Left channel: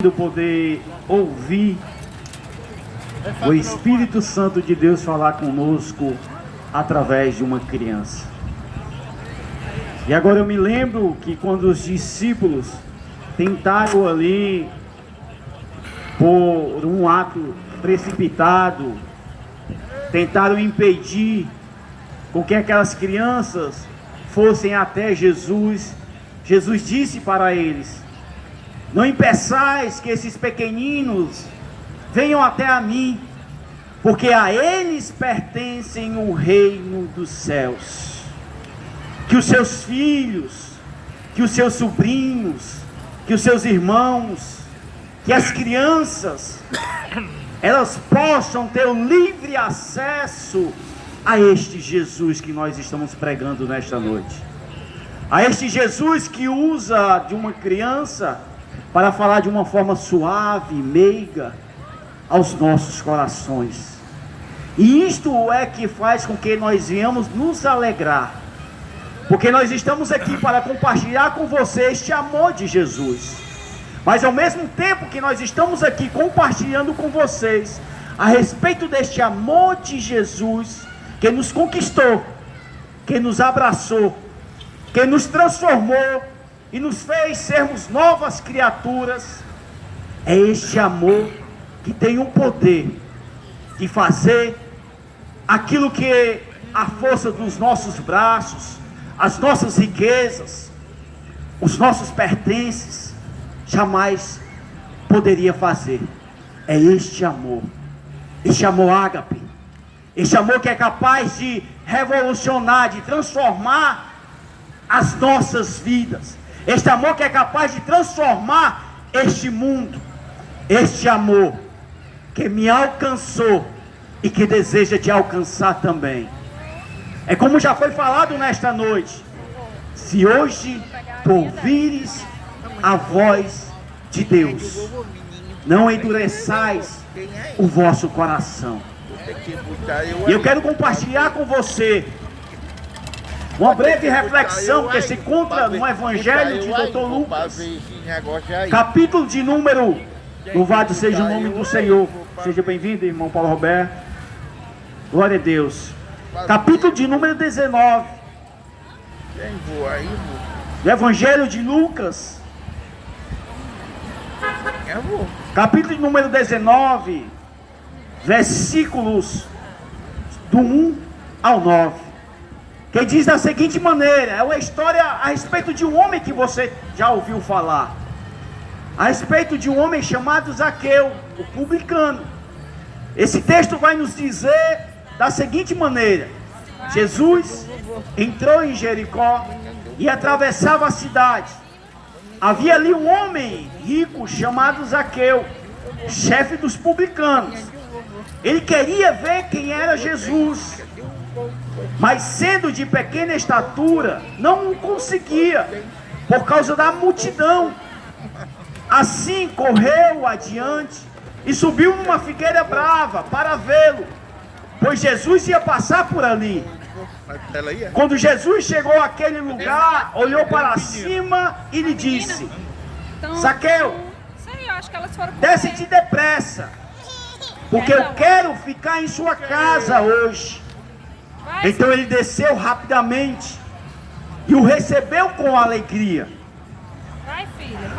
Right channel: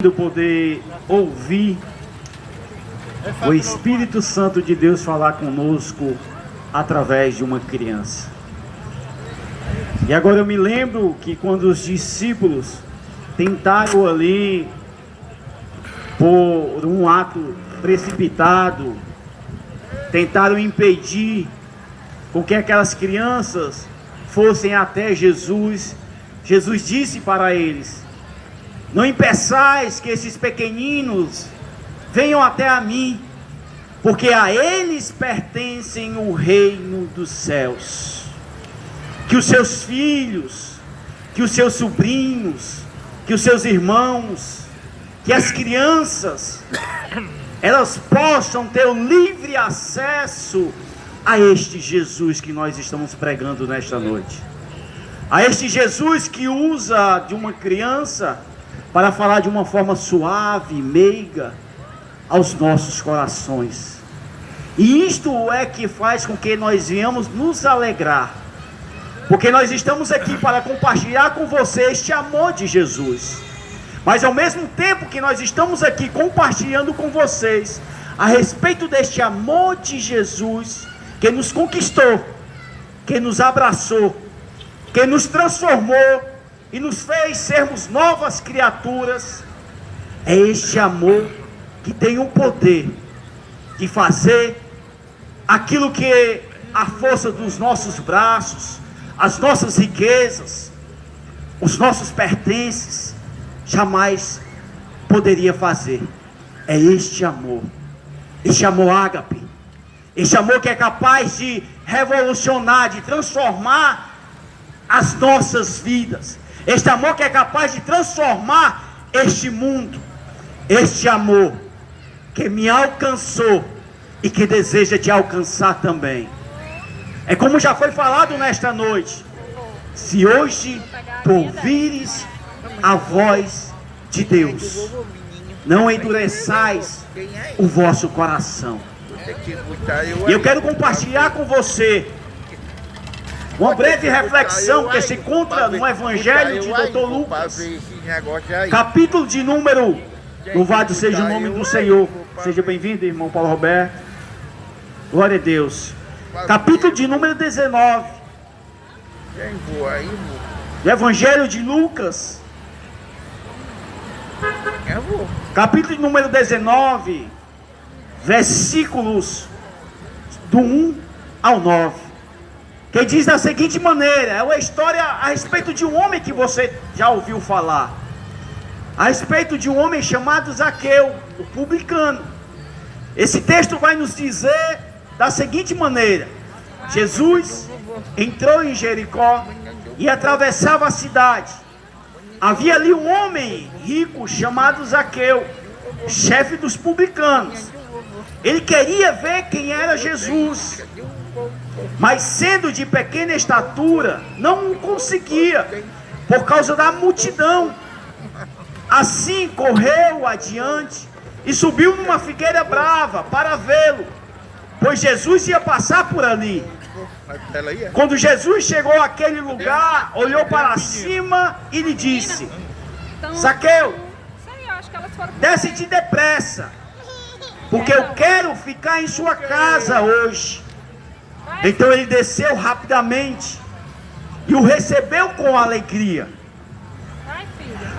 Poder ouvir o Espírito Santo de Deus falar conosco através de uma criança. E agora eu me lembro que quando os discípulos tentaram ali, por um ato precipitado, tentaram impedir com que aquelas crianças fossem até Jesus, Jesus disse para eles: não impeçais que esses pequeninos venham até a mim, porque a eles pertencem o reino dos céus. Que os seus filhos, que os seus sobrinhos, que os seus irmãos, que as crianças, elas possam ter o livre acesso a este Jesus que nós estamos pregando nesta noite. A este Jesus que usa de uma criança para falar de uma forma suave, meiga, aos nossos corações. E isto é que faz com que nós venhamos nos alegrar, porque nós estamos aqui para compartilhar com você este amor de Jesus. Mas ao mesmo tempo que nós estamos aqui compartilhando com vocês a respeito deste amor de Jesus, que nos conquistou, que nos abraçou, que nos transformou e nos fez sermos novas criaturas, é este amor que tem o poder de fazer aquilo que a força dos nossos braços, as nossas riquezas, os nossos pertences jamais poderia fazer. É este amor ágape, este amor que é capaz de revolucionar, de transformar as nossas vidas. Este amor que é capaz de transformar este mundo. Este amor que me alcançou e que deseja te alcançar também. É como já foi falado nesta noite: se hoje tu ouvires a voz de Deus, não endureçais o vosso coração. E eu quero compartilhar com você uma breve reflexão que se encontra no Evangelho de Dr. Lucas, capítulo de número, louvado seja o nome do Senhor. Seja bem-vindo, irmão Paulo Roberto. Glória a Deus. Capítulo de número 19. Do Evangelho de Lucas, capítulo de número 19, versículos do 1 ao 9. Que diz da seguinte maneira: é uma história a respeito de um homem que você já ouviu falar, a respeito de um homem chamado Zaqueu, o publicano. Esse texto vai nos dizer da seguinte maneira: Jesus entrou em Jericó e atravessava a cidade. Havia ali um homem rico chamado Zaqueu, chefe dos publicanos. Ele queria ver quem era Jesus, mas sendo de pequena estatura, não o conseguia, por causa da multidão. Assim correu adiante e subiu numa figueira brava para vê-lo, pois Jesus ia passar por ali. Quando Jesus chegou àquele lugar, olhou para cima e lhe disse: Zaqueu, desce-te depressa, porque eu quero ficar em sua casa hoje. Então ele desceu rapidamente e o recebeu com alegria.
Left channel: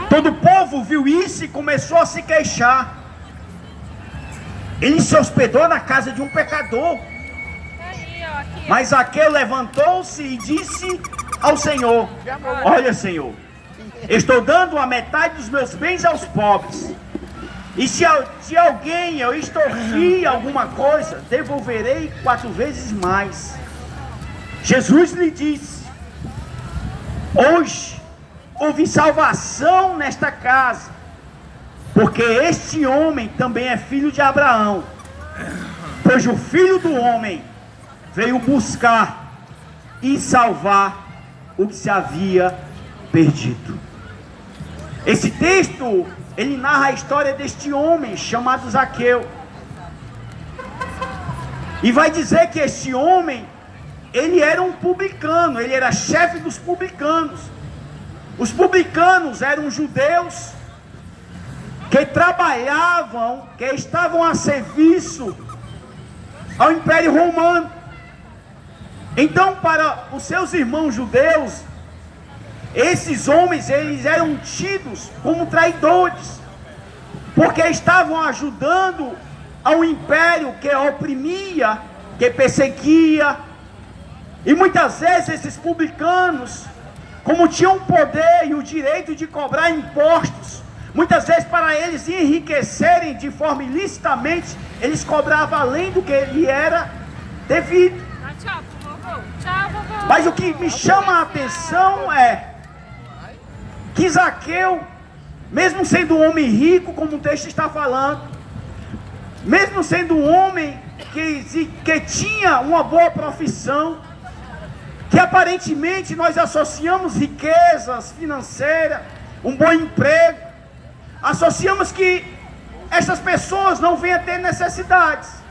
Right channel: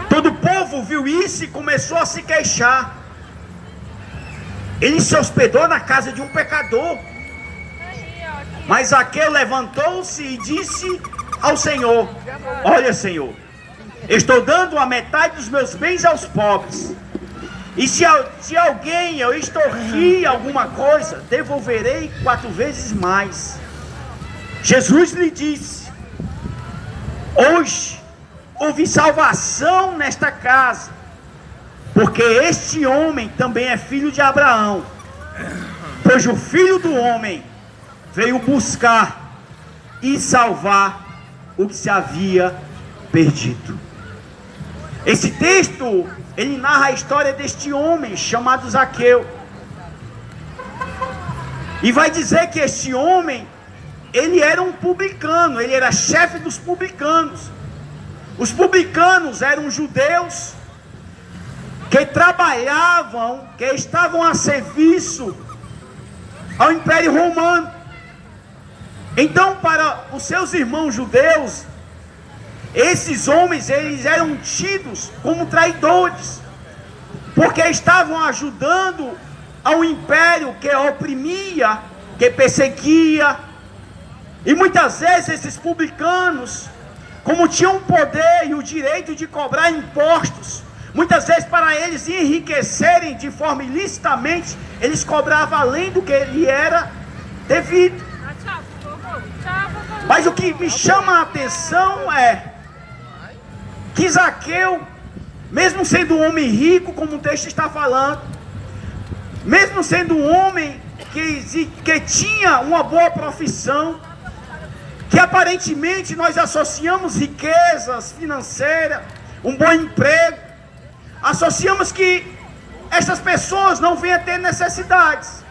Todo o povo viu isso e começou a se queixar. Ele se hospedou na casa de um pecador. Mas Zaqueu levantou-se e disse ao Senhor: olha, Senhor, estou dando a metade dos meus bens aos pobres. E se alguém eu extorquir alguma coisa, devolverei 4 vezes mais. Jesus lhe disse: hoje houve salvação nesta casa, porque este homem também é filho de Abraão. Pois o Filho do Homem veio buscar e salvar o que se havia perdido. Esse texto, ele narra a história deste homem chamado Zaqueu. E vai dizer que este homem, ele era um publicano, ele era chefe dos publicanos. Os publicanos eram judeus que trabalhavam, que estavam a serviço ao Império Romano. Então, para os seus irmãos judeus, esses homens, eles eram tidos como traidores, porque estavam ajudando ao império que oprimia, que perseguia. E muitas vezes esses publicanos, como tinham o poder e o direito de cobrar impostos, muitas vezes para eles enriquecerem de forma ilicitamente, eles cobravam além do que lhe era devido. Mas o que me chama a atenção é que Zaqueu, mesmo sendo um homem rico, como o texto está falando, mesmo sendo um homem que tinha uma boa profissão, que aparentemente nós associamos riquezas financeiras, um bom emprego, associamos que essas pessoas não vêm a ter necessidades.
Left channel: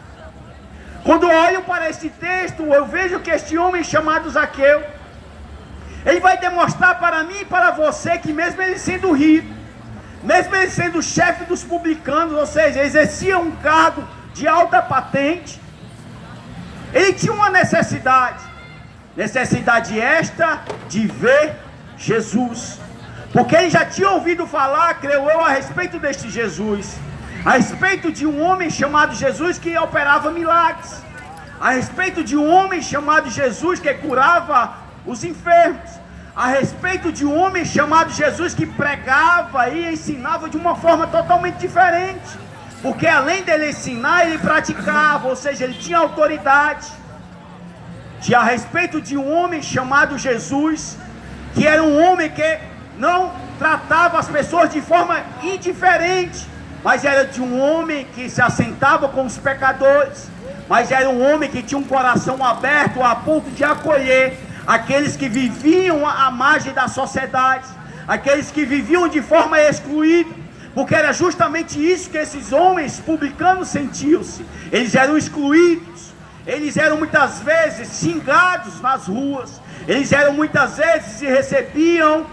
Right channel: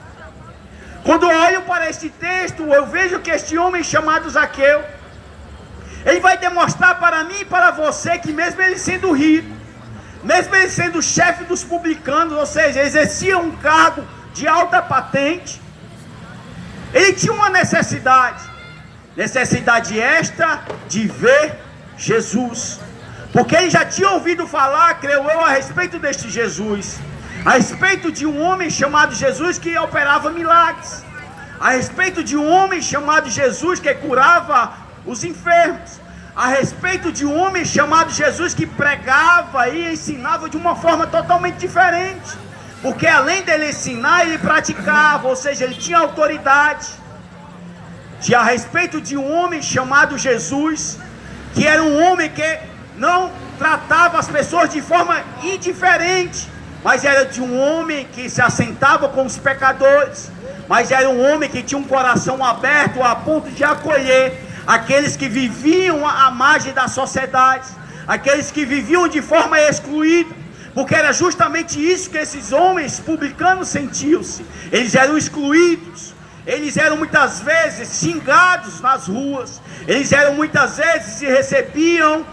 Quando eu olho para este texto, eu vejo que este homem chamado Zaqueu, ele vai demonstrar para mim e para você que mesmo ele sendo rico, mesmo ele sendo chefe dos publicanos, ou seja, exercia um cargo de alta patente, ele tinha uma necessidade esta de ver Jesus, porque ele já tinha ouvido falar, creio eu, a respeito deste Jesus, a respeito de um homem chamado Jesus que operava milagres, a respeito de um homem chamado Jesus que curava os enfermos, a respeito de um homem chamado Jesus que pregava e ensinava de uma forma totalmente diferente, porque além dele ensinar, ele praticava, ou seja, ele tinha autoridade. A respeito de um homem chamado Jesus, que era um homem que não tratava as pessoas de forma indiferente, mas era de um homem que se assentava com os pecadores, mas era um homem que tinha um coração aberto a ponto de acolher aqueles que viviam à margem da sociedade, aqueles que viviam de forma excluída, porque era justamente isso que esses homens publicanos sentiam-se. Eles eram excluídos, eles eram muitas vezes xingados nas ruas, eles eram muitas vezes e recebiam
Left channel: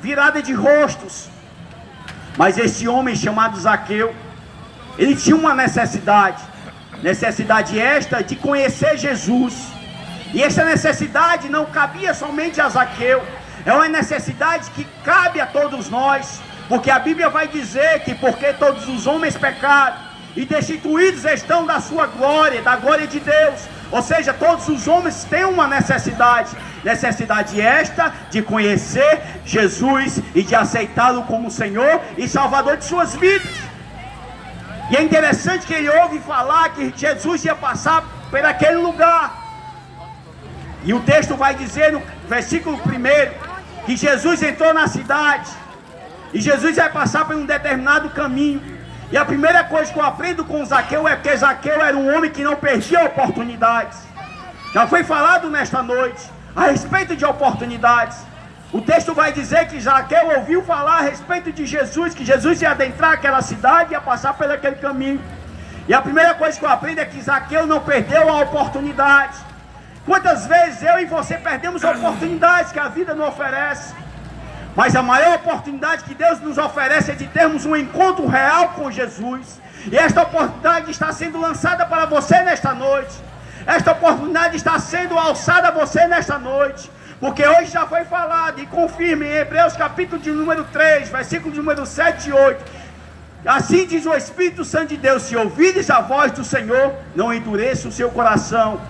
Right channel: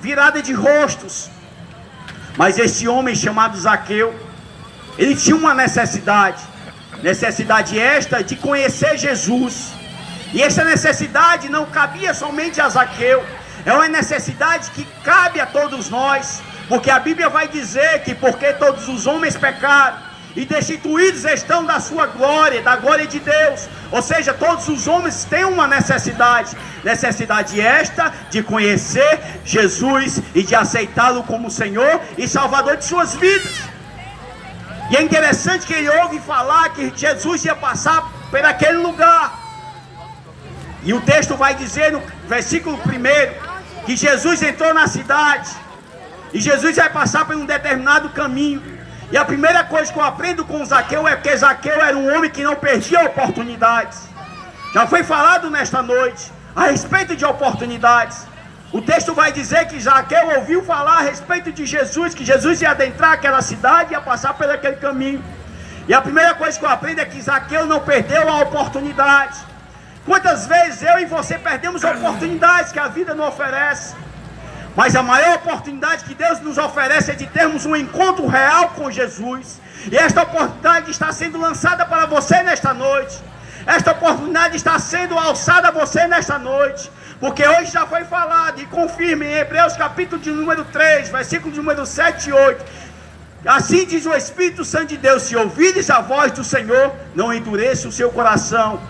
virada de rostos. Mas este homem chamado Zaqueu, ele tinha uma necessidade esta de conhecer Jesus. E essa necessidade não cabia somente a Zaqueu, é uma necessidade que cabe a todos nós, porque a Bíblia vai dizer que porque todos os homens pecaram e destituídos estão da sua glória, da glória de Deus, ou seja, todos os homens têm uma necessidade esta de conhecer Jesus e de aceitá-lo como Senhor e Salvador de suas vidas. E é interessante que ele ouve falar que Jesus ia passar por aquele lugar. E o texto vai dizer no versículo 1 que Jesus entrou na cidade e Jesus vai passar por um determinado caminho. E a primeira coisa que eu aprendo com Zaqueu é que Zaqueu era um homem que não perdia oportunidades. Já foi falado nesta noite a respeito de oportunidades. O texto vai dizer que Zaqueu ouviu falar a respeito de Jesus, que Jesus ia adentrar aquela cidade e ia passar por aquele caminho. E a primeira coisa que eu aprendo é que Zaqueu não perdeu a oportunidade. Quantas vezes eu e você perdemos oportunidades que a vida nos oferece? Mas a maior oportunidade que Deus nos oferece é de termos um encontro real com Jesus. E esta oportunidade está sendo lançada para você nesta noite. Esta oportunidade está sendo alçada a você nesta noite. Porque hoje já foi falado, e confirma em Hebreus capítulo de número 3, versículo de número 7 e 8. Assim diz o Espírito Santo de Deus: se ouvires a voz do Senhor, não endureça o seu coração.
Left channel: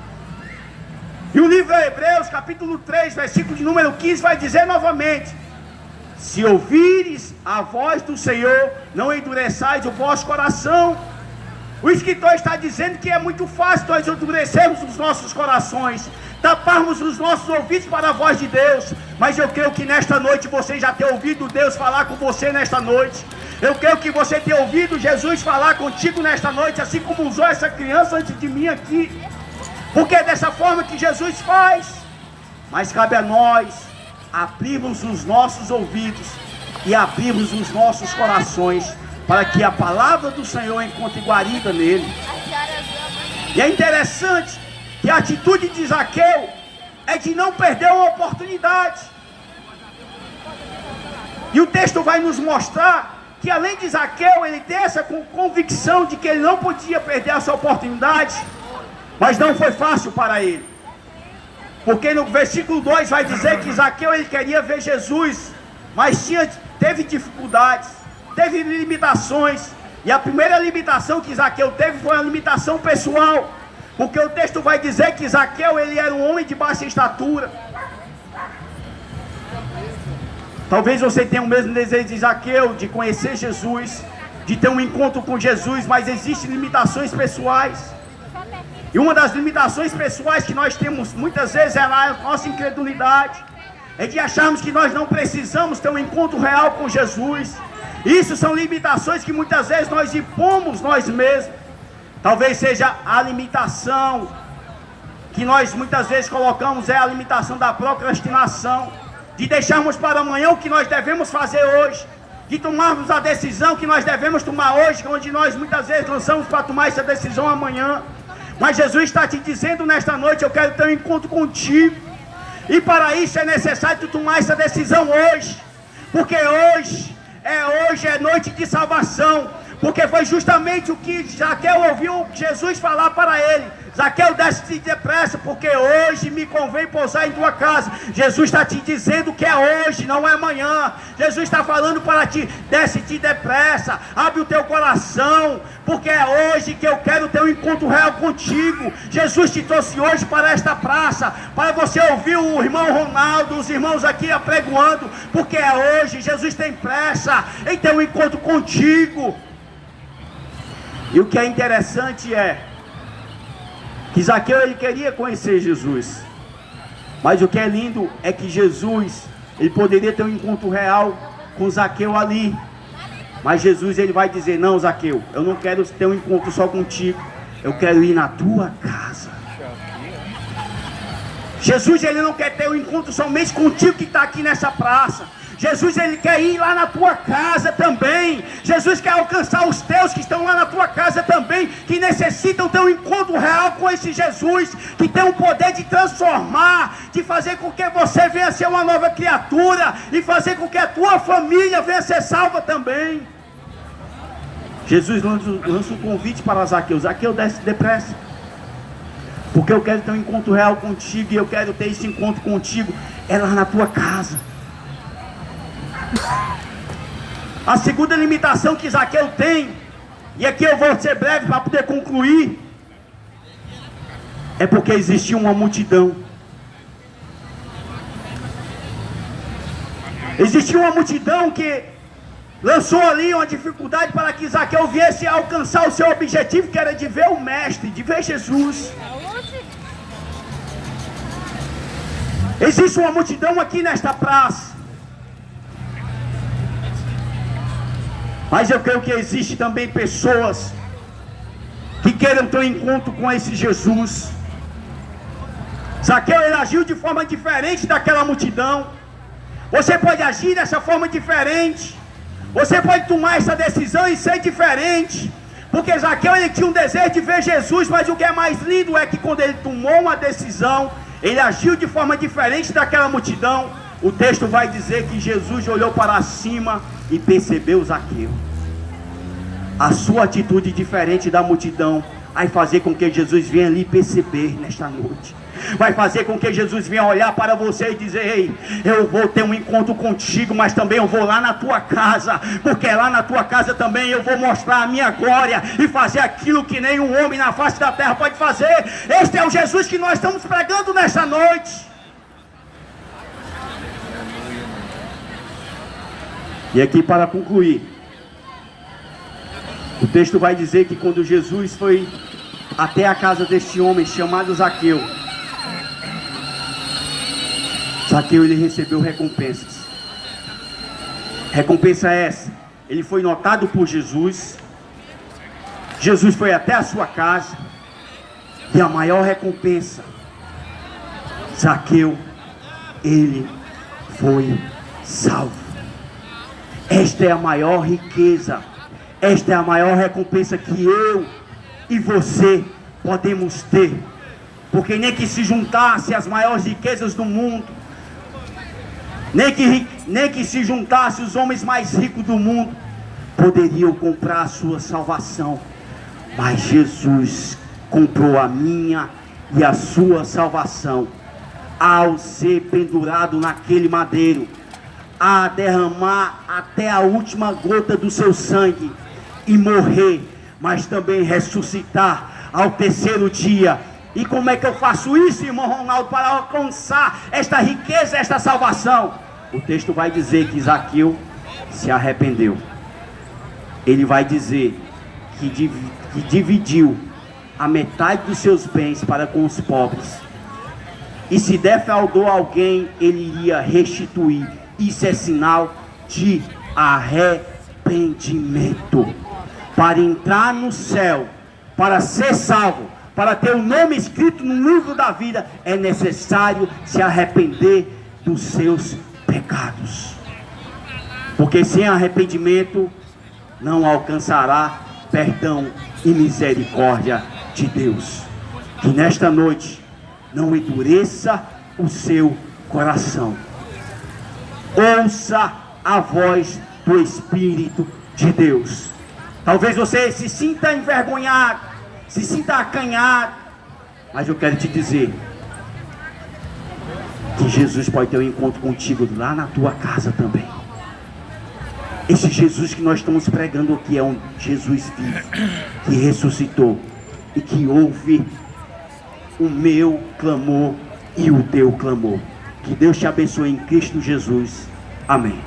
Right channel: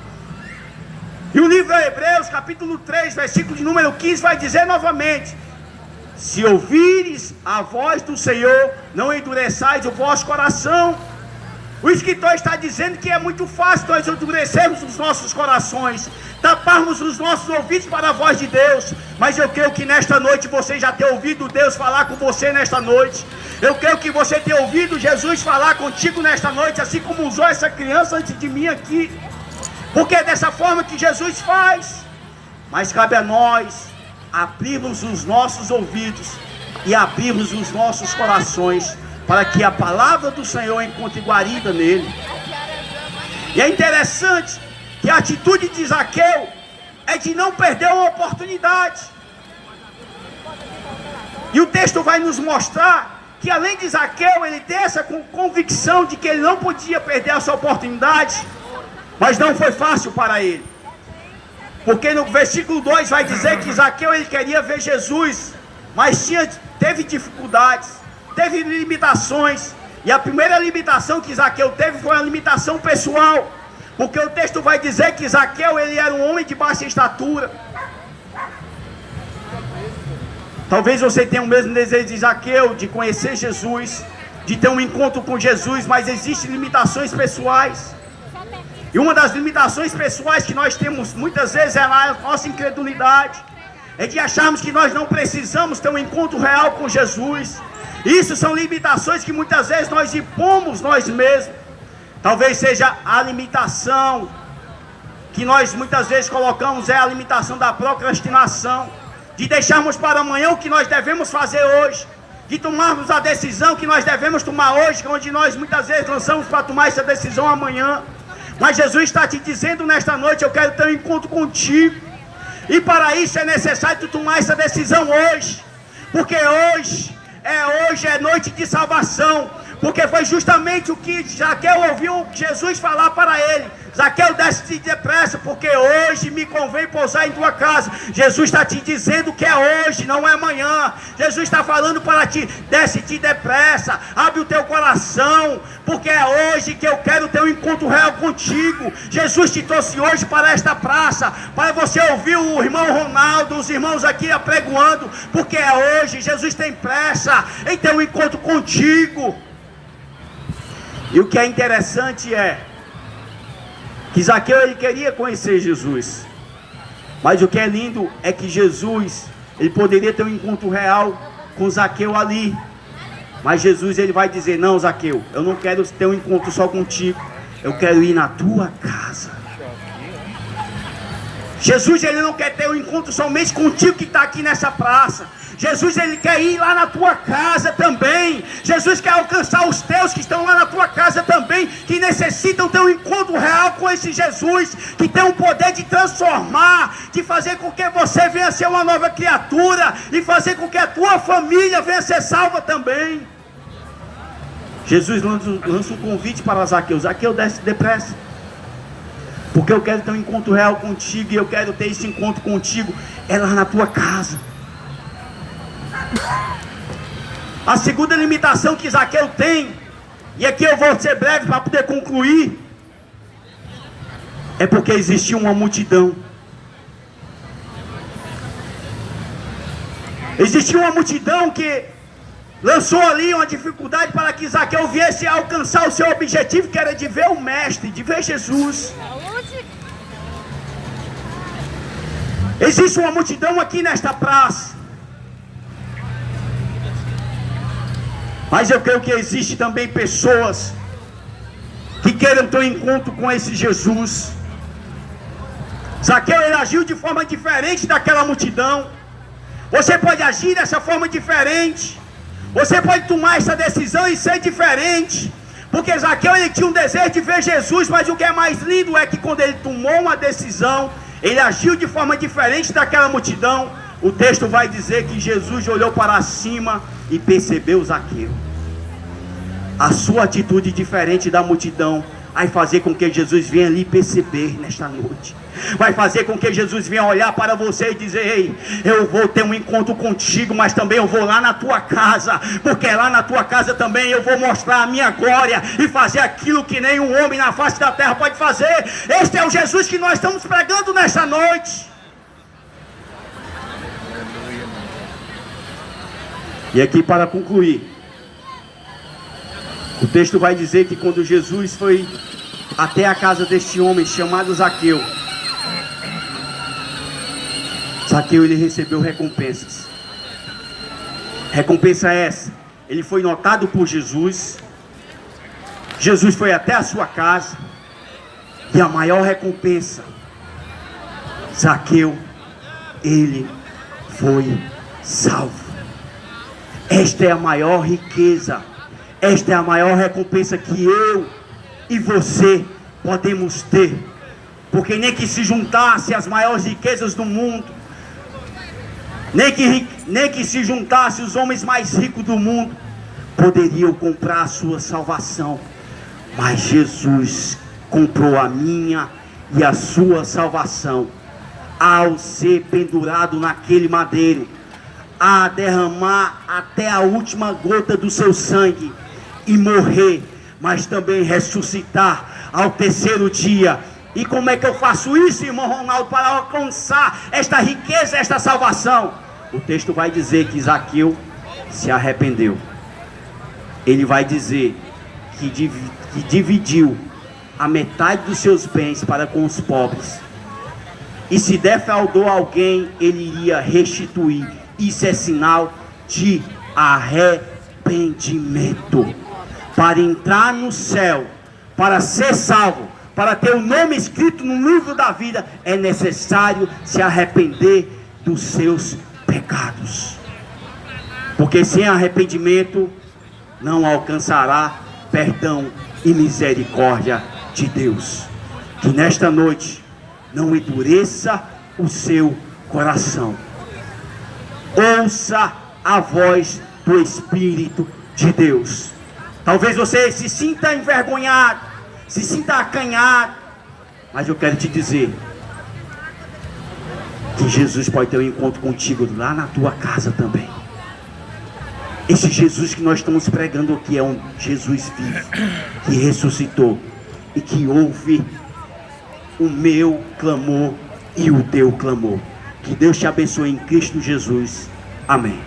E o livro de Hebreus capítulo 3, versículo de número 15 vai dizer novamente: se ouvires a voz do Senhor, não endureçais o vosso coração. O escritor está dizendo que é muito fácil nós endurecermos os nossos corações, taparmos os nossos ouvidos para a voz de Deus. Mas eu creio que nesta noite você já tem ouvido Deus falar com você nesta noite. Eu creio que você tem ouvido Jesus falar contigo nesta noite, assim como usou essa criança antes de mim aqui. Porque é dessa forma que Jesus faz. Mas cabe a nós abrirmos os nossos ouvidos e abrirmos os nossos corações para que a palavra do Senhor encontre guarida nele. E é interessante que a atitude de Zaqueu é de não perder uma oportunidade. E o texto vai nos mostrar que além de Zaqueu, ele tem essa convicção de que ele não podia perder essa oportunidade, mas não foi fácil para ele. Porque no versículo 2 vai dizer que Zaqueu ele queria ver Jesus, mas teve dificuldades, teve limitações. E a primeira limitação que Zaqueu teve foi a limitação pessoal. Porque o texto vai dizer que Zaqueu ele era um homem de baixa estatura. Talvez você tenha o mesmo desejo de Zaqueu, de conhecer Jesus, de ter um encontro com Jesus, mas existem limitações pessoais. E uma das limitações pessoais que nós temos muitas vezes é a nossa incredulidade, é de acharmos que nós não precisamos ter um encontro real com Jesus. Isso são limitações que muitas vezes nós impomos nós mesmos. Talvez seja a limitação que nós muitas vezes colocamos, é a limitação da procrastinação, de deixarmos para amanhã o que nós devemos fazer hoje, de tomarmos a decisão que nós devemos tomar hoje, onde nós muitas vezes lançamos para tomar essa decisão amanhã. Mas Jesus está te dizendo nesta noite: eu quero ter um encontro contigo. E para isso é necessário tu tomar essa decisão hoje. Porque hoje é noite de salvação. Porque foi justamente o que Zaqueu ouviu Jesus falar para ele: Zaqueu, desce-te depressa, porque hoje me convém pousar em tua casa. Jesus está te dizendo que é hoje, não é amanhã. Jesus está falando para ti: desce-te depressa, abre o teu coração, porque é hoje que eu quero ter um encontro real contigo. Jesus te trouxe hoje para esta praça, para você ouvir o irmão Ronaldo, os irmãos aqui apregoando, porque é hoje. Jesus tem pressa em ter um encontro contigo. E o que é interessante é que Zaqueu ele queria conhecer Jesus, mas o que é lindo é que Jesus ele poderia ter um encontro real com Zaqueu ali, mas Jesus ele vai dizer: não, Zaqueu, eu não quero ter um encontro só contigo, eu quero ir na tua casa. Jesus ele não quer ter um encontro somente contigo que está aqui nessa praça. Jesus ele quer ir lá na tua casa também. Jesus quer alcançar os teus que estão lá na tua casa também, que necessitam ter um encontro real com esse Jesus, que tem o poder de transformar, de fazer com que você venha ser uma nova criatura, e fazer com que a tua família venha ser salva também. Jesus lança um convite para Zaqueu: Zaqueu, desce depressa, porque eu quero ter um encontro real contigo, e eu quero ter esse encontro contigo é lá na tua casa. A segunda limitação que Zaqueu tem, e aqui eu vou ser breve para poder concluir, é porque existia uma multidão. Existia uma multidão que lançou ali uma dificuldade para que Zaqueu viesse a alcançar o seu objetivo, que era de ver o Mestre, de ver Jesus. Existe uma multidão aqui nesta praça, mas eu creio que existe também pessoas que querem ter um encontro com esse Jesus. Zaqueu ele agiu de forma diferente daquela multidão. Você pode agir dessa forma diferente. Você pode tomar essa decisão e ser diferente. Porque Zaqueu ele tinha um desejo de ver Jesus, mas o que é mais lindo é que quando ele tomou uma decisão, ele agiu de forma diferente daquela multidão. O texto vai dizer que Jesus olhou para cima e percebeu Zaqueu. A sua atitude diferente da multidão vai fazer com que Jesus venha ali perceber nesta noite. Vai fazer com que Jesus venha olhar para você e dizer: ei, eu vou ter um encontro contigo, mas também eu vou lá na tua casa, porque lá na tua casa também eu vou mostrar a minha glória e fazer aquilo que nenhum homem na face da terra pode fazer. Este é o Jesus que nós estamos pregando nessa noite. E aqui, para concluir, o texto vai dizer que quando Jesus foi até a casa deste homem chamado Zaqueu, Zaqueu ele recebeu recompensas. Recompensa essa: ele foi notado por Jesus, Jesus foi até a sua casa, e a maior recompensa, Zaqueu ele foi salvo. Esta é a maior riqueza, esta é a maior recompensa que eu e você podemos ter. Porque nem que se juntasse as maiores riquezas do mundo, nem que se juntasse os homens mais ricos do mundo, poderiam comprar a sua salvação, mas Jesus comprou a minha e a sua salvação ao ser pendurado naquele madeiro, a derramar até a última gota do seu sangue e morrer, mas também ressuscitar ao terceiro dia. E como é que eu faço isso, irmão Ronaldo, para alcançar esta riqueza, esta salvação? O texto vai dizer que Zaqueu se arrependeu. Ele vai dizer que dividiu a metade dos seus bens para com os pobres. E se defraudou alguém, ele iria restituir. Isso é sinal de arrependimento. Para entrar no céu, para ser salvo, para ter o nome escrito no livro da vida, é necessário se arrepender dos seus pecados. Porque sem arrependimento não alcançará perdão e misericórdia de Deus. Que nesta noite não endureça o seu coração. Ouça a voz do Espírito de Deus. Talvez você se sinta envergonhado, se sinta acanhado, mas eu quero te dizer que Jesus pode ter um encontro contigo lá na tua casa também. Esse Jesus que nós estamos pregando aqui é um Jesus vivo, que ressuscitou e que ouve o meu clamor e o teu clamor. Que Deus te abençoe em Cristo Jesus. Amém.